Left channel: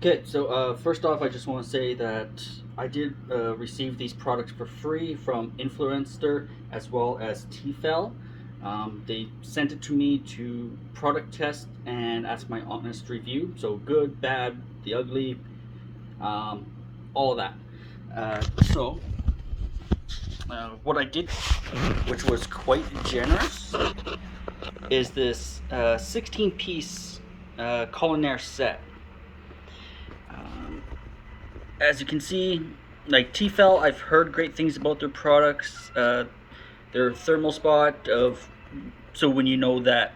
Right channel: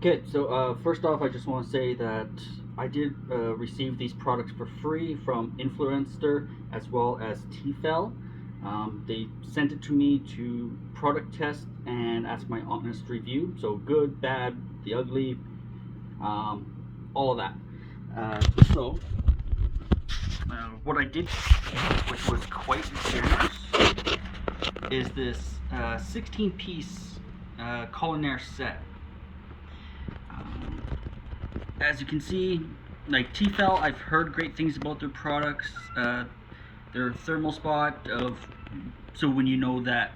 Okay, so first off, I just want to say that I did receive these products for free from Influenster as well as T-Fal. They sent it to me to product test and ask my honest review. So good, bad, the ugly, um, all of that. So what I did, which was quite generous, is this 16-piece culinaire set. Um, as you can see, like T-Fal, I've heard great things about their products. Their thermal spot of so when you know that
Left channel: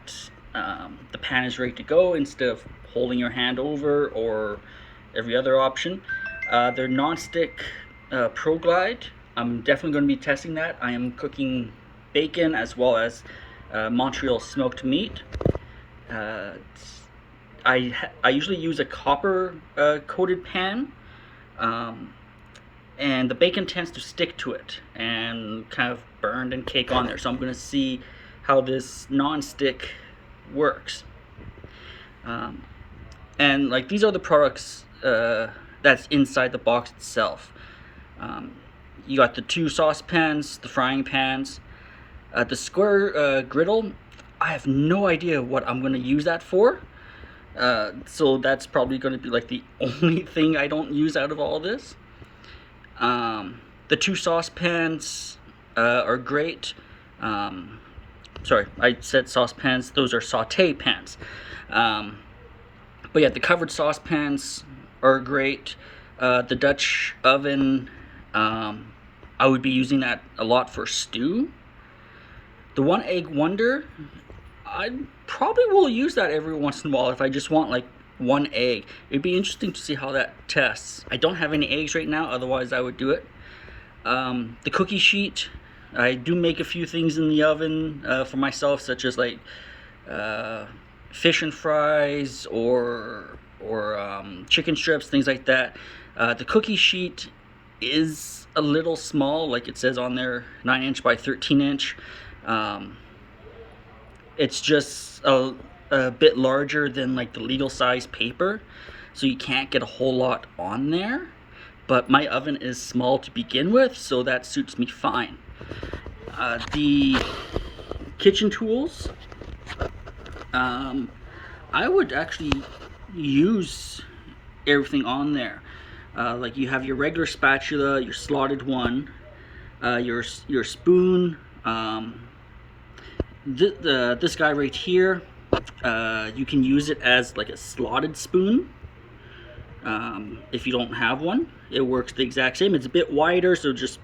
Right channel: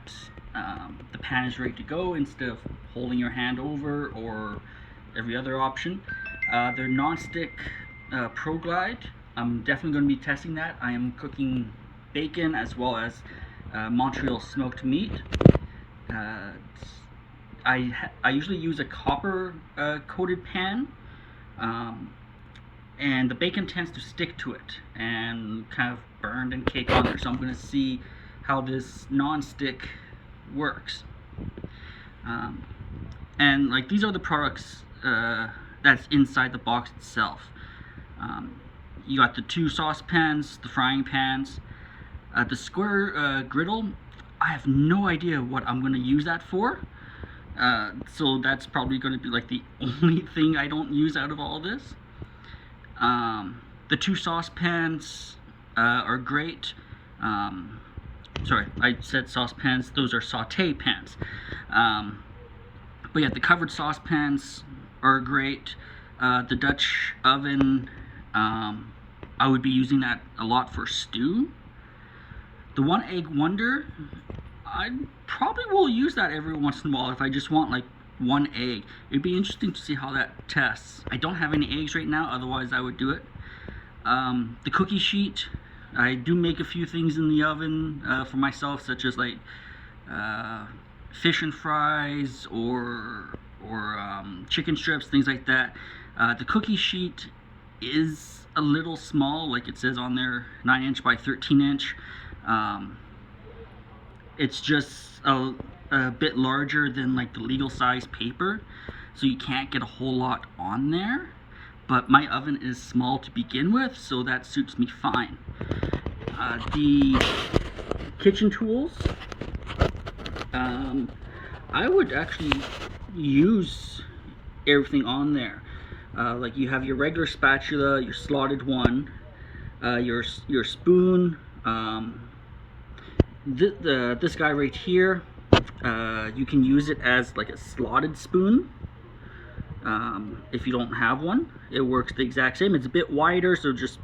the pan is ready to go instead of holding your hand over or every other option. Their non-stick Pro Glide. I'm definitely going to be testing that. I am cooking bacon as well as Montreal smoked meat. Uh, I usually use a copper coated pan, um, and the bacon tends to stick to it and kind of burned and cake on there. So I'm going to see how this non-stick works. Um, and like these are the products that's inside the box itself. Um, you got the two saucepans, the frying pans, the square griddle. I have no idea what I'm going to use that for. So that's probably going to be like the only thing I don't use out of all this. The two saucepans are great. Sorry, I said saucepans. Those are saute pans. But yeah, the covered saucepans are great. The Dutch oven, I would be using that a lot for stew. The one egg wonder, I probably will use that every once in a while if I just want like one egg. It'd be interesting to see how that tests. I don't have any eggs right now, otherwise I would do it. The cookie sheet, I do make a few things in the oven for myself, such as like fish and fries or chicken strips, things like that. The cookie sheet is a little small, like it says on there, 9" by 13". It's just a bit larger than like the legal size paper, so you can't get a whole lot on there. But my oven is small to begin with, so that suits me fine. The kitchen tools, I would actually use everything on there. Like you have your regular spatula, your slotted one, your spoon. This guy right here, you can use it as like a slotted spoon. If you don't have one, it works the exact same. It's a bit wider, so just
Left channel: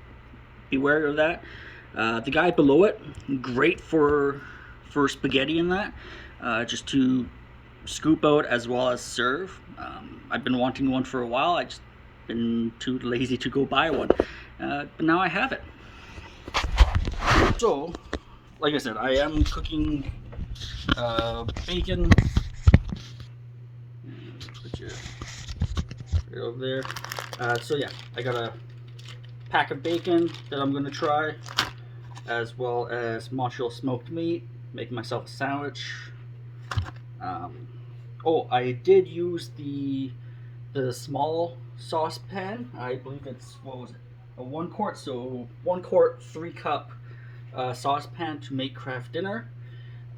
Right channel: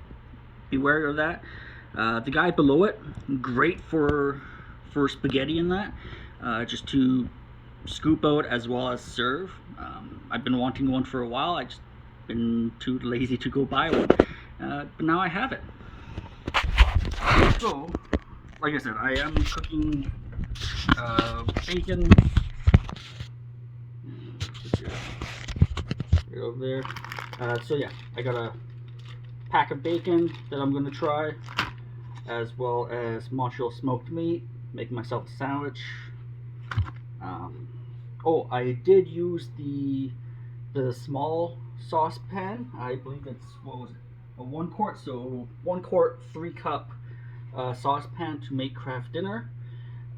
beware of that. The guy below it, great for spaghetti and that, just to scoop out as well as serve. I've been wanting one for a while. I just been too lazy to go buy one, but now I have it. So, like I said, I am cooking bacon. Put you right over there. So yeah, I got a pack of bacon that I'm gonna try, as well as Montreal smoked meat. Make myself a sandwich. Oh, I did use the small saucepan. I believe it's, what was it, a 1 quart, so 1 quart 3-cup saucepan to make craft dinner.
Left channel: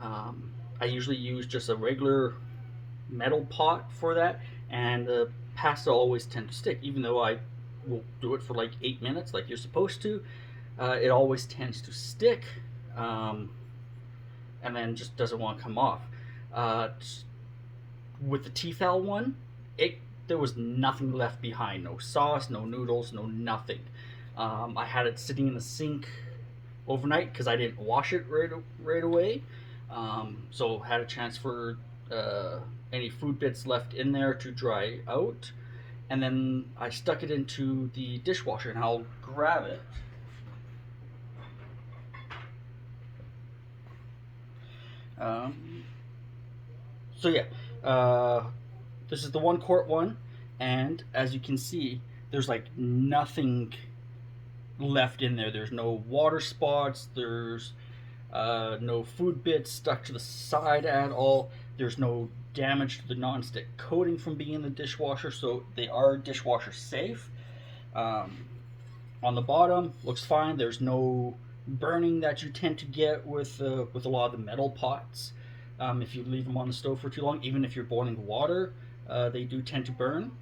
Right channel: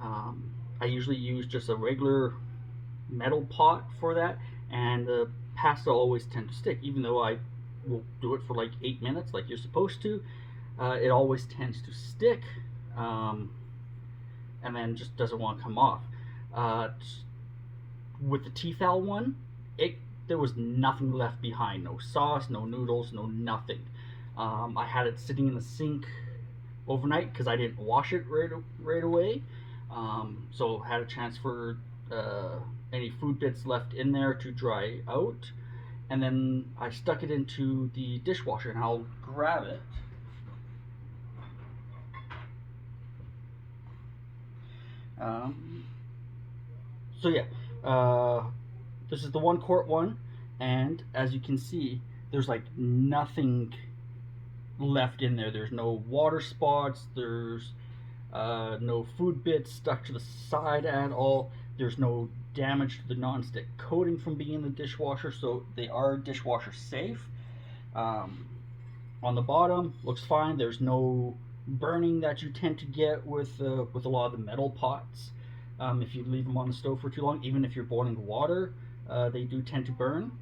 I usually use just a regular metal pot for that, and the pasta always tend to stick, even though I will do it for like 8 minutes like you're supposed to. It always tends to stick, and then just doesn't want to come off. With the T-Fal one, there was nothing left behind. No sauce, no noodles, no nothing. I had it sitting in the sink overnight because I didn't wash it right away. So had a chance for any food bits left in there to dry out. And then I stuck it into the dishwasher, and I'll grab it. So yeah, this is the 1 quart one, and as you can see, there's like nothing left in there. There's no water spots. There's no food bits stuck to the side at all. There's no damage to the non-stick coating from being in the dishwasher, so they are dishwasher safe. Um, on the bottom, looks fine. There's no burning that you tend to get with a lot of the metal pots. If you leave them on the stove for too long, even if you're boiling water, they do tend to burn.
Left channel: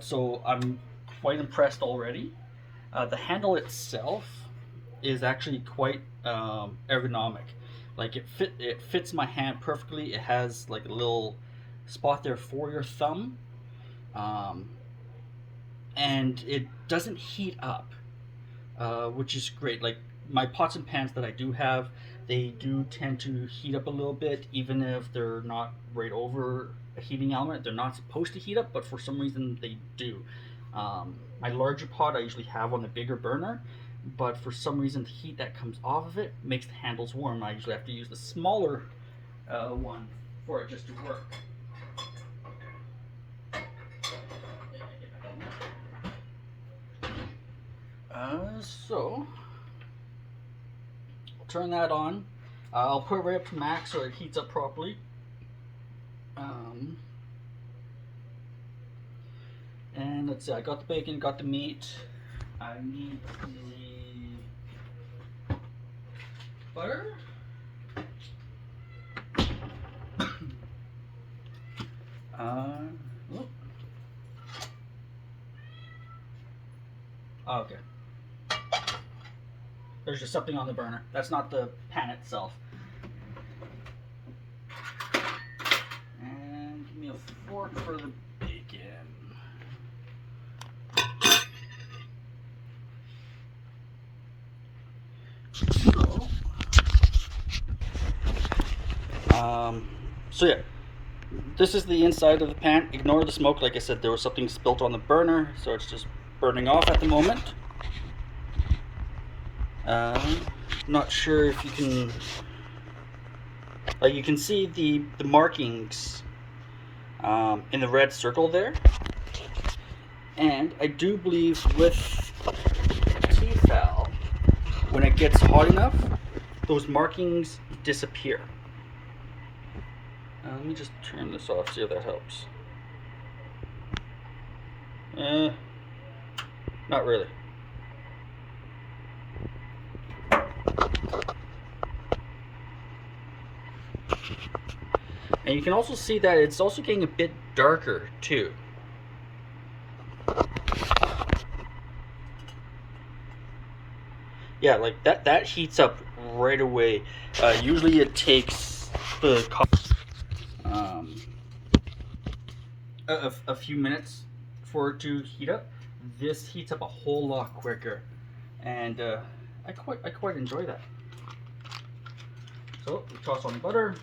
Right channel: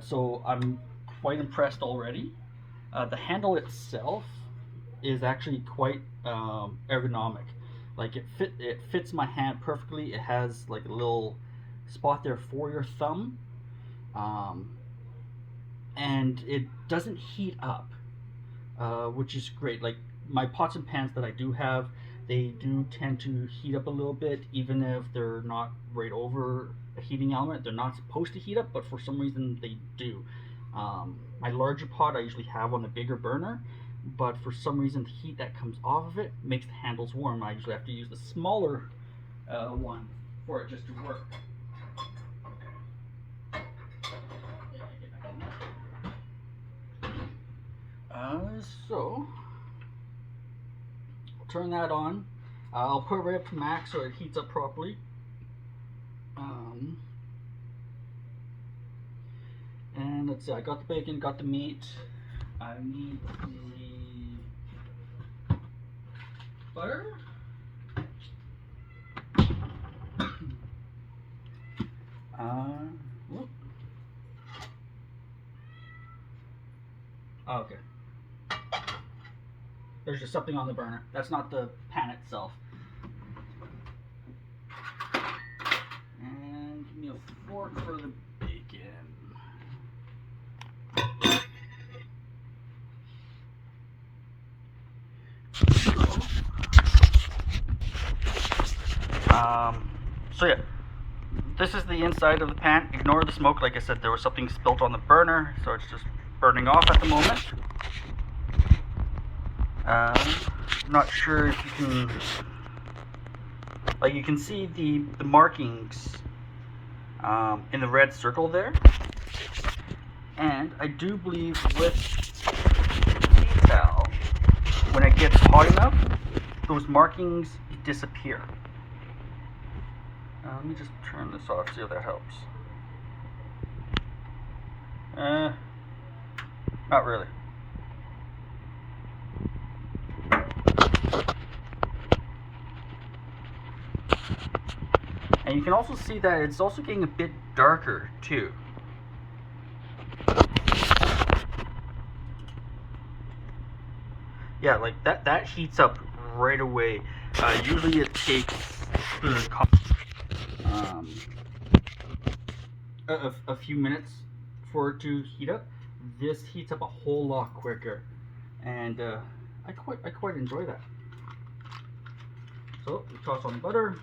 So I'm quite impressed already. The handle itself is actually quite ergonomic. Like it fits my hand perfectly. It has like a little spot there for your thumb, um, and it doesn't heat up, which is great. Like my pots and pans that I do have, they do tend to heat up a little bit, even if they're not right over a heating element. They're not supposed to heat up, but for some reason they do. My larger pot I usually have on the bigger burner, but for some reason the heat that comes off of it makes the handles warm. I usually have to use the smaller one for it just to work. So I'll turn that on. I'll put it right up to max so it heats up properly. And let's see, I got the bacon, got the meat. I need the butter. Whoop. Oh, okay. There's just something on the burner. That's not the pan itself. And give me a fork for the bacon. So yeah, this is the inside of the pan. Ignore the smoke. Like I said, there was something spilt on the burner, so it's just burning off at the moment. Not sure if you can, like you can see the markings in the red circle there. And I do believe with T-Fal, when it gets hot enough, those markings disappear. Let me just turn this off, see if that helps. Not really. And you can also see that it's also getting a bit darker too. Yeah, like that heats up right away. Usually it takes the a few minutes for it to heat up. This heats up a whole lot quicker, and I quite enjoy that. So we toss on the butter.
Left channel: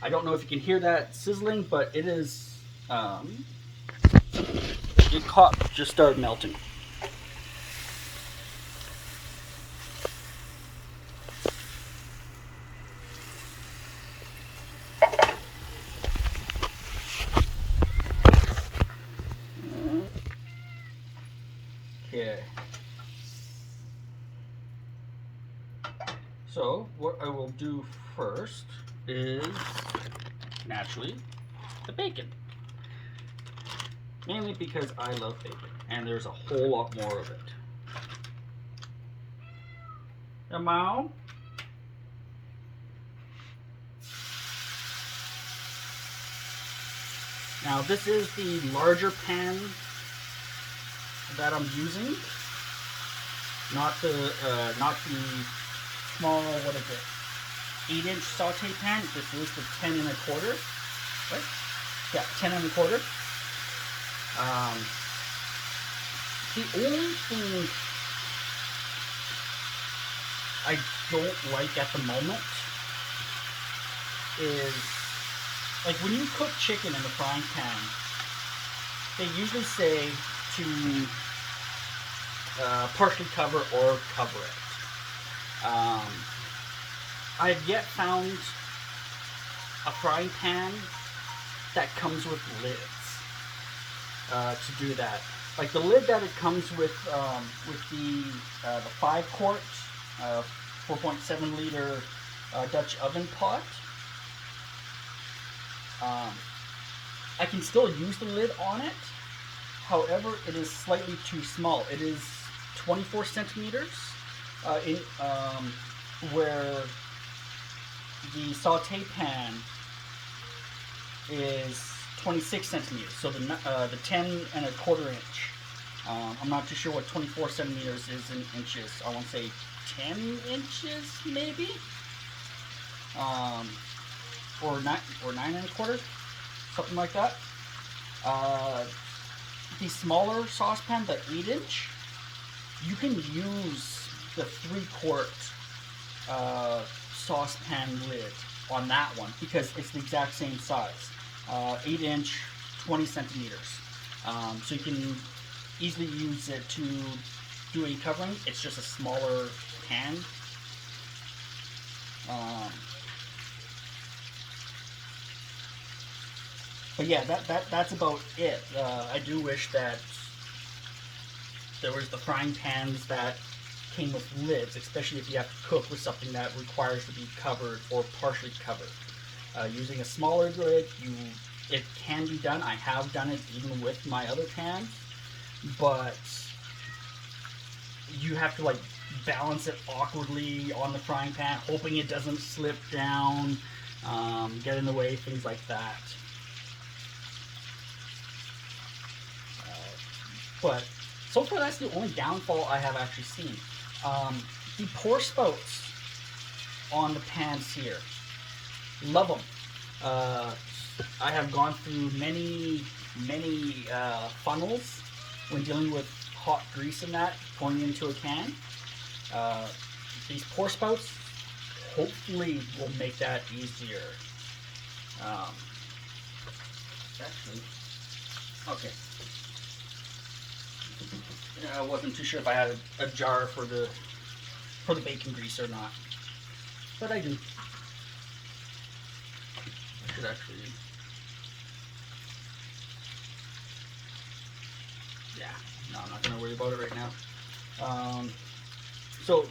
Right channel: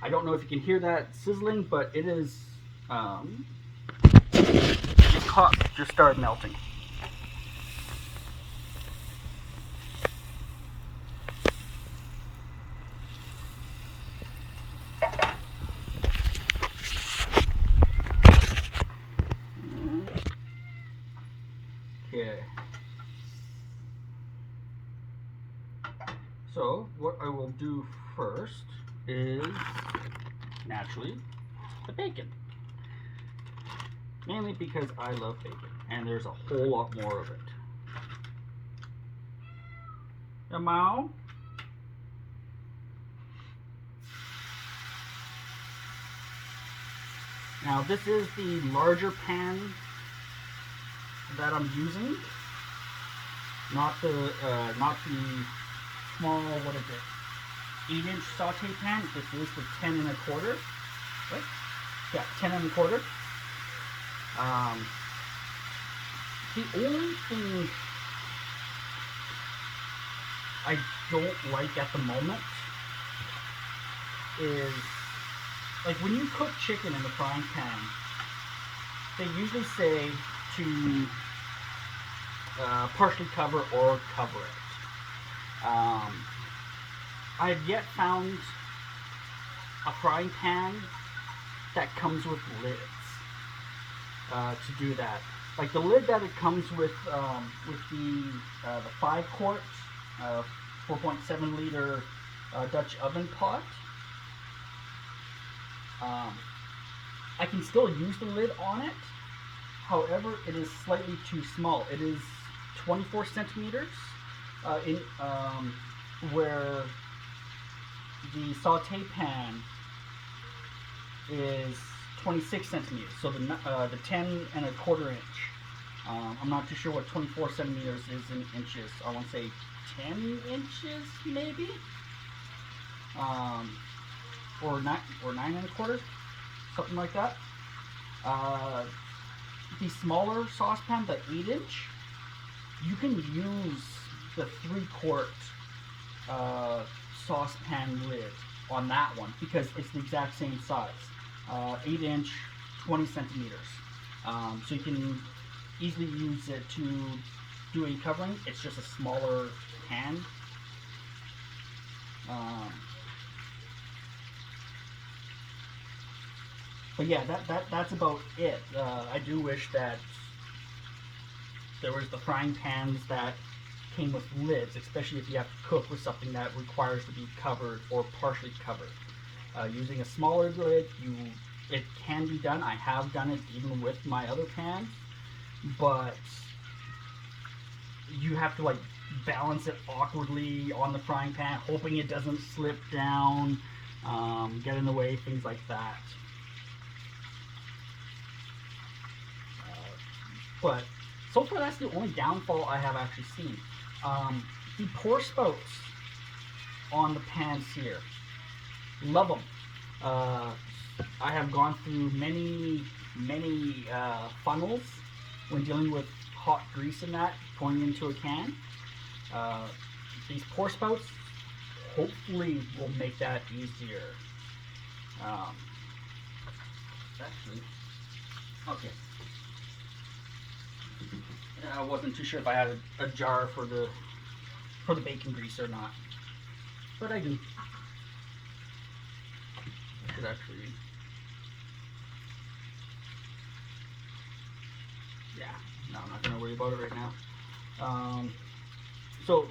I don't know if you can hear that sizzling, but it is just started melting. Okay. So what I will do first is naturally the bacon. Mainly because I love bacon, and there's a whole lot more of it. Now, this is the larger pan that I'm using, not the small, what is it, 8-inch saute pan. This is the 10 1/4, right? Yeah, 10 1/4. The only thing I don't like at the moment is, like when you cook chicken in the frying pan, they usually say to partially cover or cover it. I've yet found a frying pan that comes with lids to do that. like the lid that it comes with the 5-quart, 4.7 liter Dutch oven pot. I can still use the lid on it. However, it is slightly too small. It is 24 centimeters where the saute pan is 26 centimeters. So the 10 1/4 inch. I'm not too sure what 24 centimeters is in inches. I want to say 10 inches maybe, or 9 1/4, something like that. The smaller saucepan, the 8-inch, you can use the 3-quart saucepan lid on that one because it's the exact same size. 8-inch, 20 centimeters. So you can easily use it to do a covering. It's just a smaller pan. But yeah, that's about it. I do wish that there was the frying pans that came with lids, especially if you have to cook with something that requires to be covered or partially covered. Using a smaller lid, it can be done. I have done it even with my other pans, but you have to like balance it awkwardly on the frying pan, hoping it doesn't slip down, get in the way, things like that. But so far, that's the only downfall I have actually seen. The pour spouts on the pans here, love them. I have gone through many funnels when dealing with hot grease and that pouring into a can. These pour spouts hopefully will make that easier. Actually, okay. I wasn't too sure if I had a jar for the bacon grease or not, but I do. I should actually. Yeah, no, I'm not gonna worry about it right now. So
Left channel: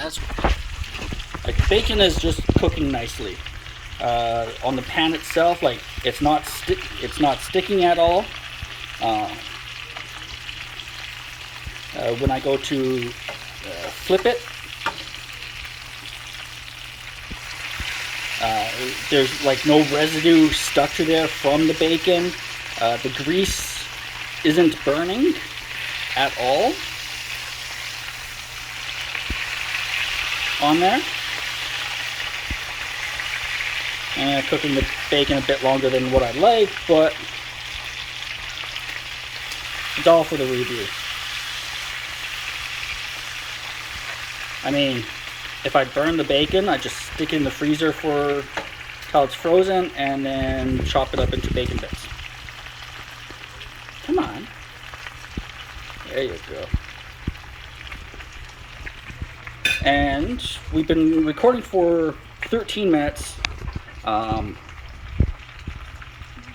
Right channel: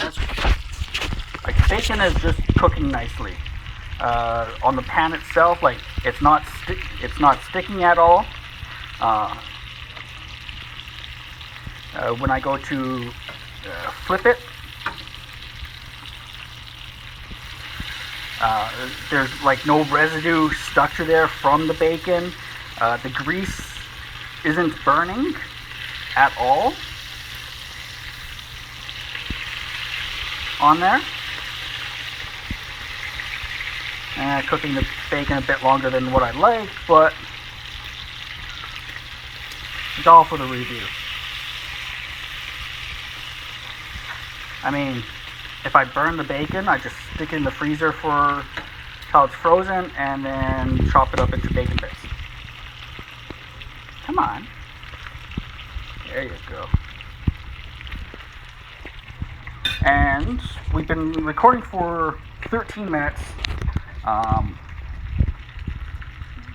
that's like bacon is just cooking nicely. On the pan itself, like it's not sticking at all. When I go to flip it, there's like no residue stuck to there from the bacon. The grease isn't burning at all on there. Cooking the bacon a bit longer than what I'd like, but it's all for the review. I mean, if I burn the bacon, I just stick it in the freezer for till it's frozen and then chop it up into bacon bits. Come on. There you go. And we've been recording for 13 minutes.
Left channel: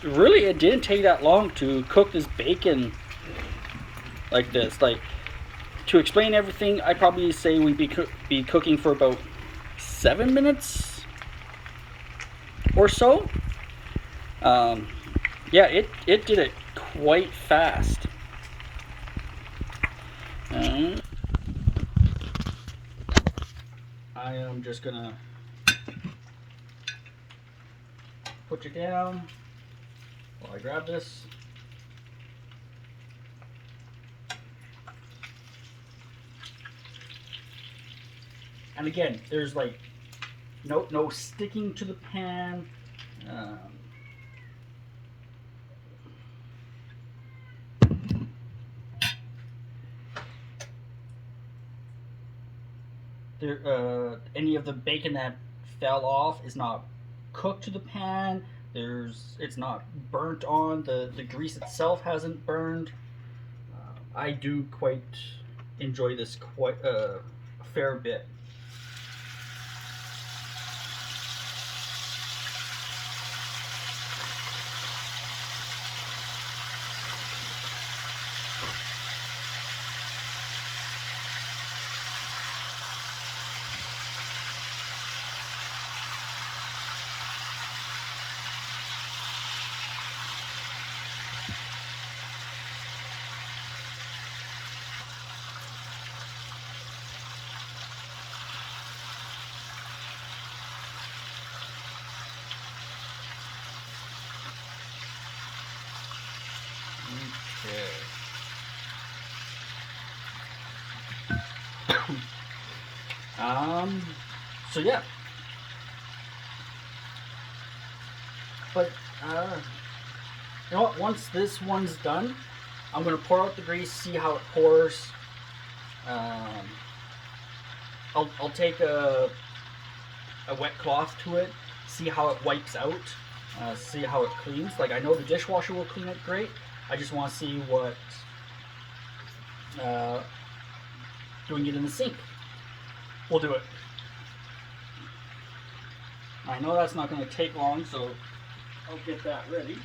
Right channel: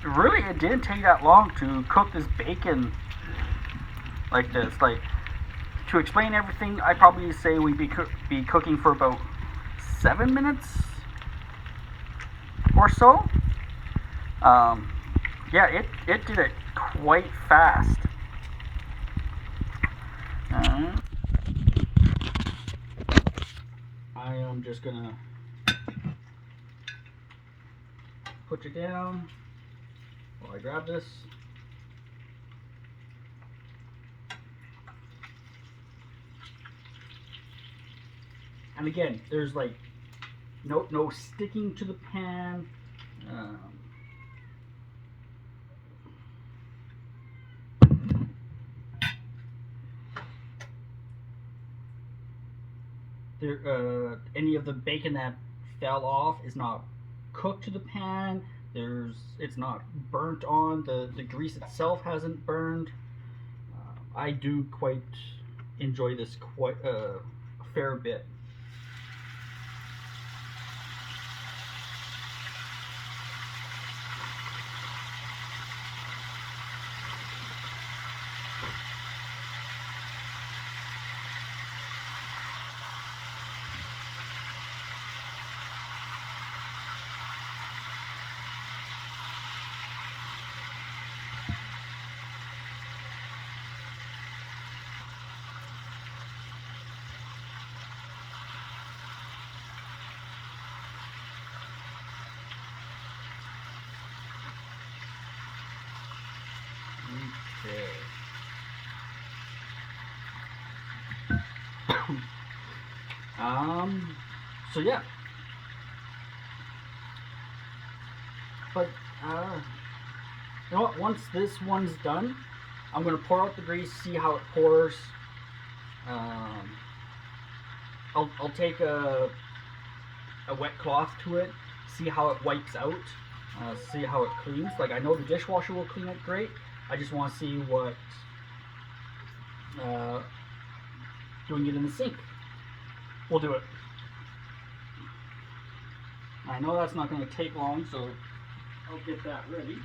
Really, it didn't take that long to cook this bacon like this. Like, to explain everything, I'd probably say we'd be cooking for about 7 minutes or so. Yeah, it did it quite fast. I am just gonna put you down while I grab this. And again, there's like no sticking to the pan. Any of the bacon that fell off is not cooked to the pan. It's not burnt on. The grease itself hasn't burned. I do quite enjoy this quite a fair bit. um, so yeah, but you know what? Once this one's done, I'm gonna pour out the grease, see how it pours. Um, I'll take a wet cloth to it, see how it wipes out, see how it cleans. Like I know the dishwasher will clean it great. I just want to see what uh, doing it in the sink will do it. I know that's not going to take long, so I'll get that ready.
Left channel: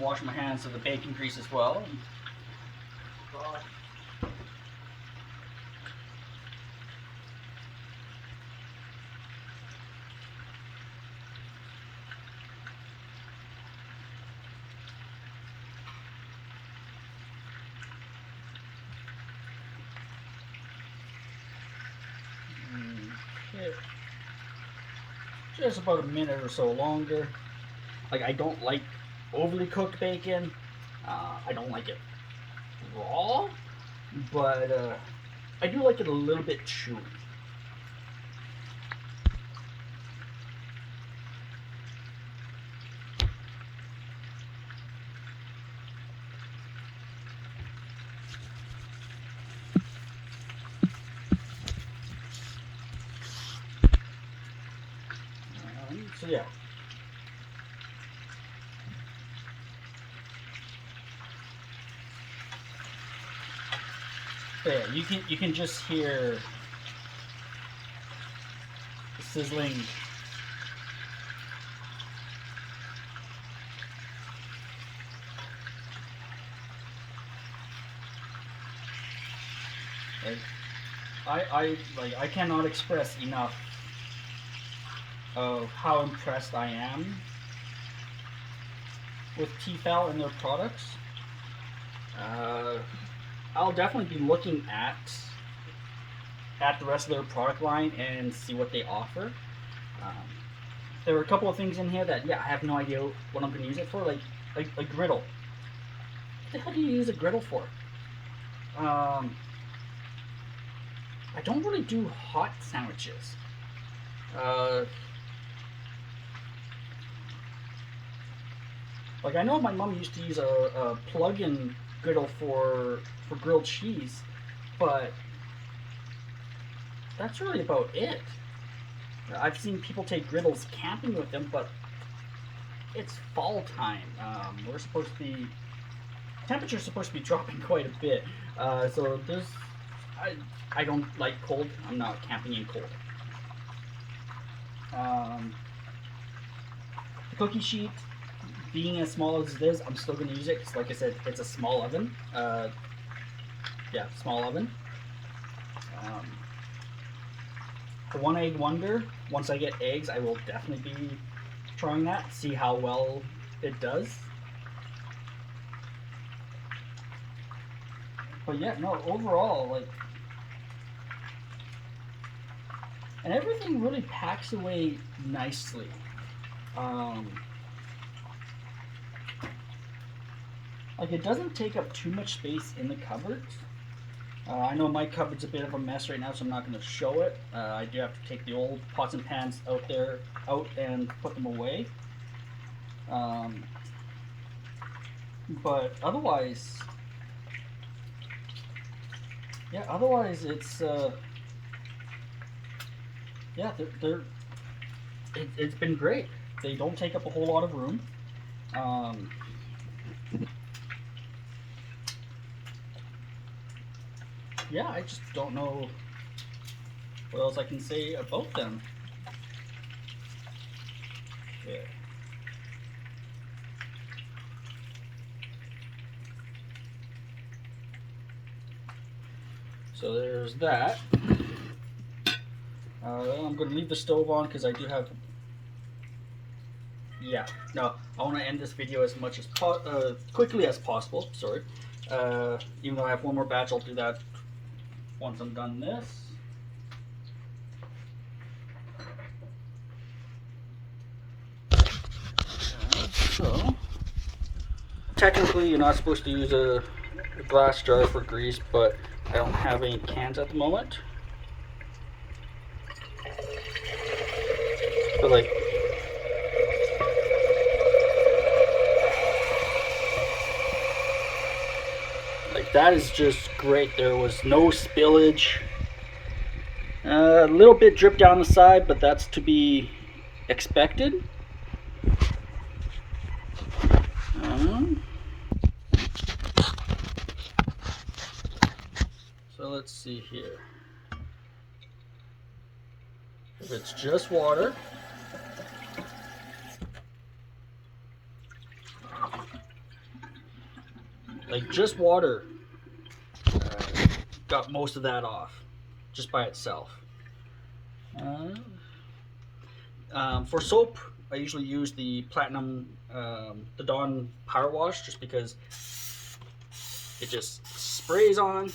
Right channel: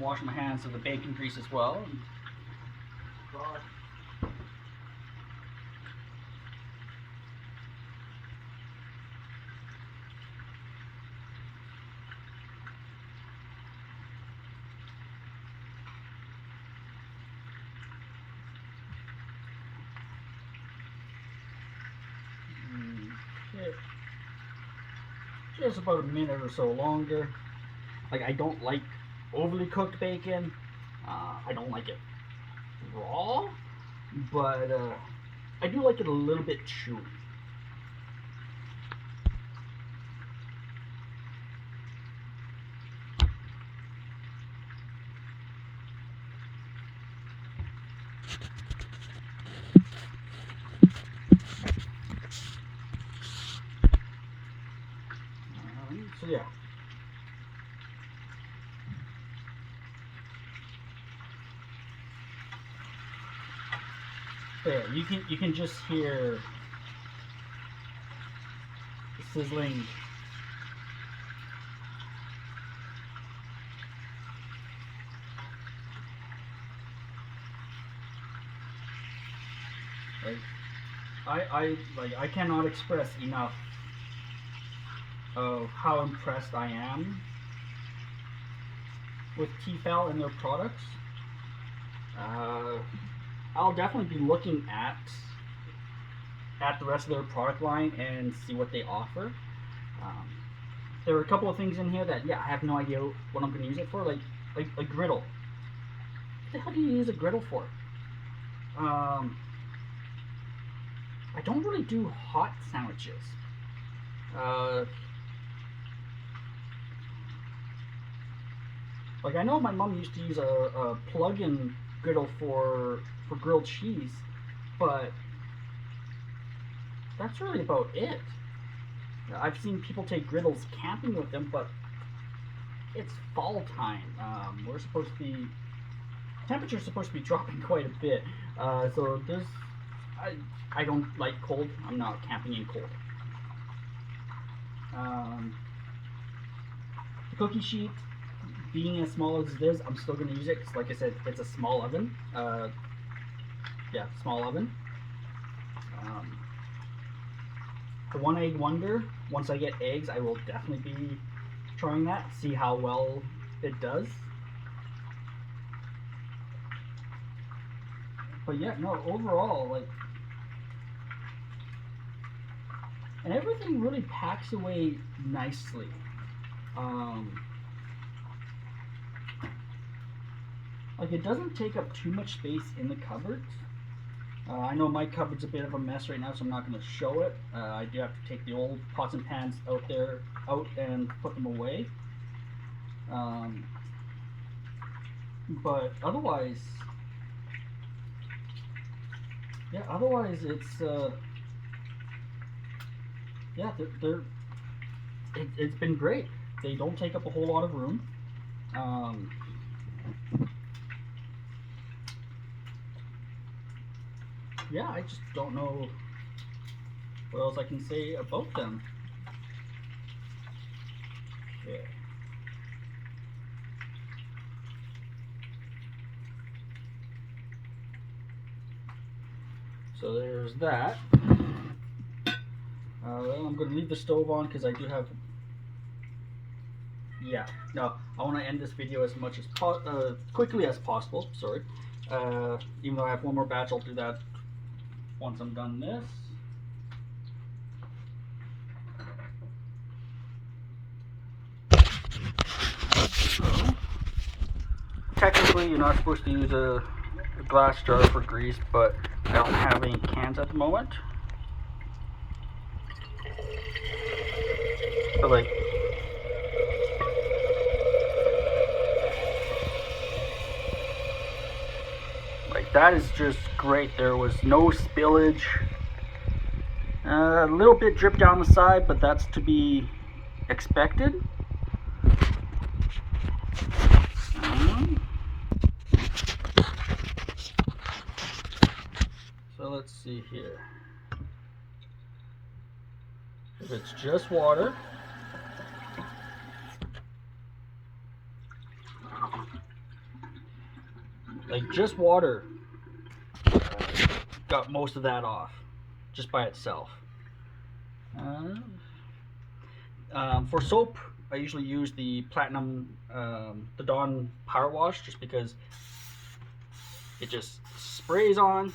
Wash my hands of the bacon grease as well. Okay. Just about a minute or so longer. Like I don't like overly cooked bacon. I don't like it raw, but I do like it a little bit chewy. So yeah. There, you can just hear the sizzling. Like I cannot express enough of how impressed I am with T-Fal and their products. I'll definitely be looking at the rest of their product line and see what they offer. Um, there are a couple of things in here that, yeah, I have no idea what I'm going to use it for, like a griddle. What the hell do you use a griddle for? I don't really do hot sandwiches. Like I know my mom used to use a plug-in griddle for grilled cheese, but that's really about it. I've seen people take griddles camping with them, but it's fall time. We're supposed to be temperature's supposed to be dropping quite a bit, so there's I don't like cold. I'm not camping in cold. The cookie sheet, being as small as it is, I'm still going to use it because, like I said, it's a small oven. Yeah, small oven. The one egg wonder, once I get eggs, I will definitely be trying that, see how well it does. But yeah, no, overall, like, and everything really packs away nicely. Like it doesn't take up too much space in the cupboards. I know my cupboard's a bit of a mess right now, so I'm not going to show it. I do have to take the old pots and pans out and put them away. But otherwise, yeah, otherwise it's, yeah, it's been great. They don't take up a whole lot of room. Yeah, I just don't know what else I can say about them. Okay. So there's that. I'm going to leave the stove on because I do have yeah, no, I want to end this video as much as quickly as possible. Sorry, even though I have one more batch, I'll do that once I'm done this. So, technically, you're not supposed to use a glass jar for grease, but I don't have any cans at the moment. But like, that is just great. There was no spillage. A little bit drip down the side, but that's to be expected. So let's see here. If it's just water, like just water, got most of that off just by itself. For soap, I usually use the Platinum, the Dawn Power Wash, just because it just sprays on.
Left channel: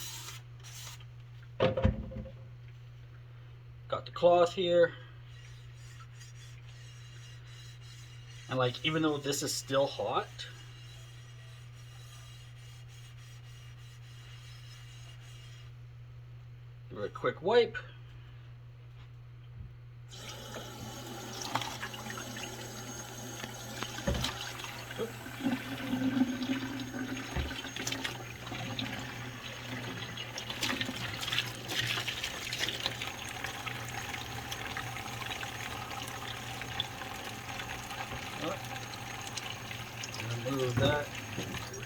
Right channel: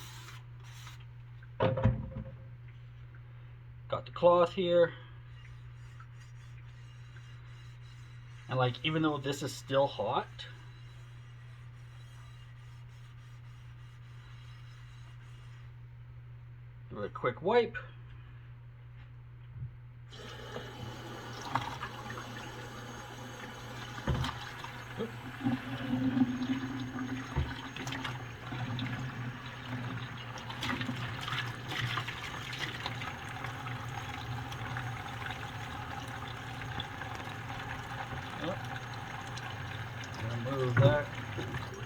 Got the cloth here. And like, even though this is still hot, give it a quick wipe. Move that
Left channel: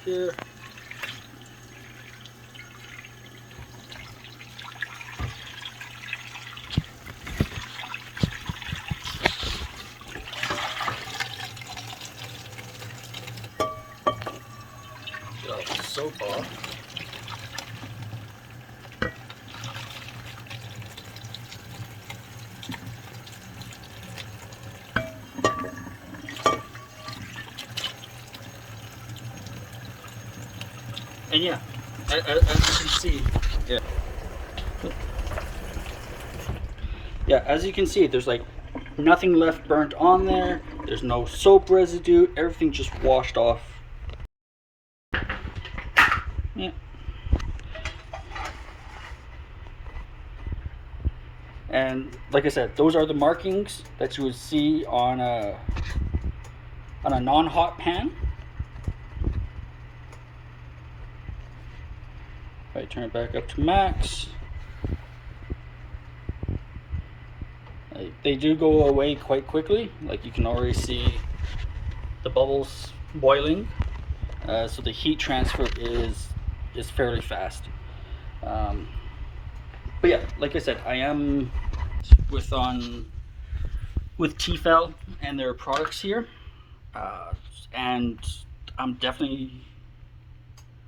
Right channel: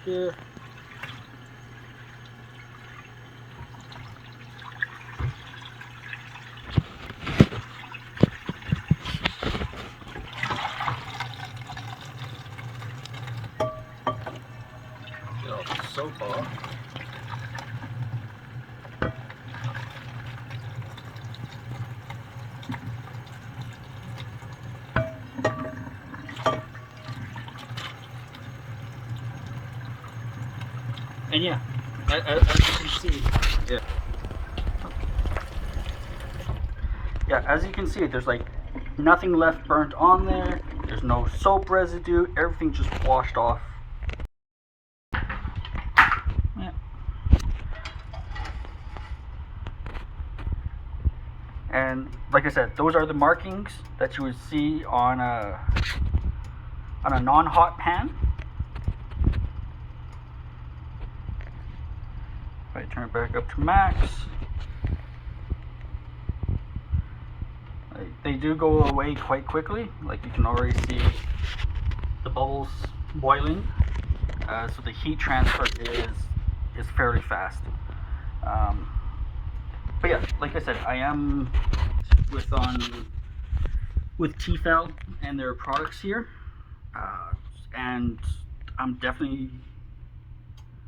here. Get all the soap off. And yeah, as you can see, as you can see, there's like nothing left burnt on there. There's no soap residue. Everything just washed off. Yeah. And like I said, those are the markings that you would see on a non-hot pan. If I turn it back up to max, they do go away quite quickly. Like, you can already see the bubbles boiling, so the heat transfer is fairly fast. But yeah, like I said, I am with T-Fal and their products here, and I'm definitely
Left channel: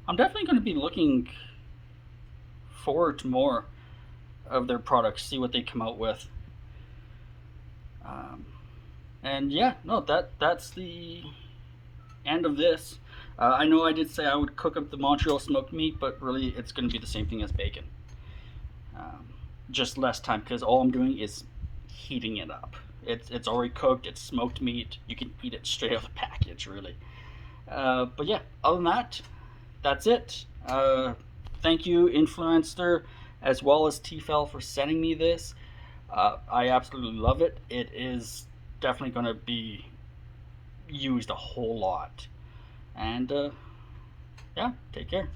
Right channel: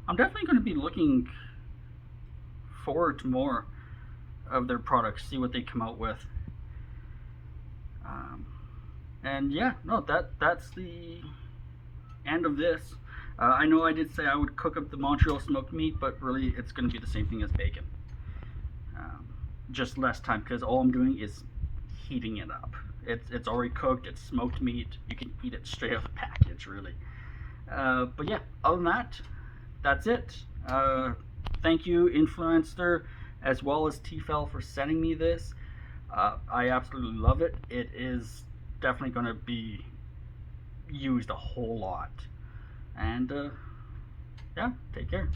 going to be looking forward to more of their products, see what they come out with. And yeah, no, that's the end of this. I know I did say I would cook up the Montreal smoked meat, but really it's going to be the same thing as bacon. Just less time, because all I'm doing is heating it up. It's already cooked, it's smoked meat. You can eat it straight out of the package, really. But yeah, other than that, that's it. Thank you, Influenster, as well as T-Fal, for sending me this. I absolutely love it. It is definitely going to be used a whole lot. And yeah, take care.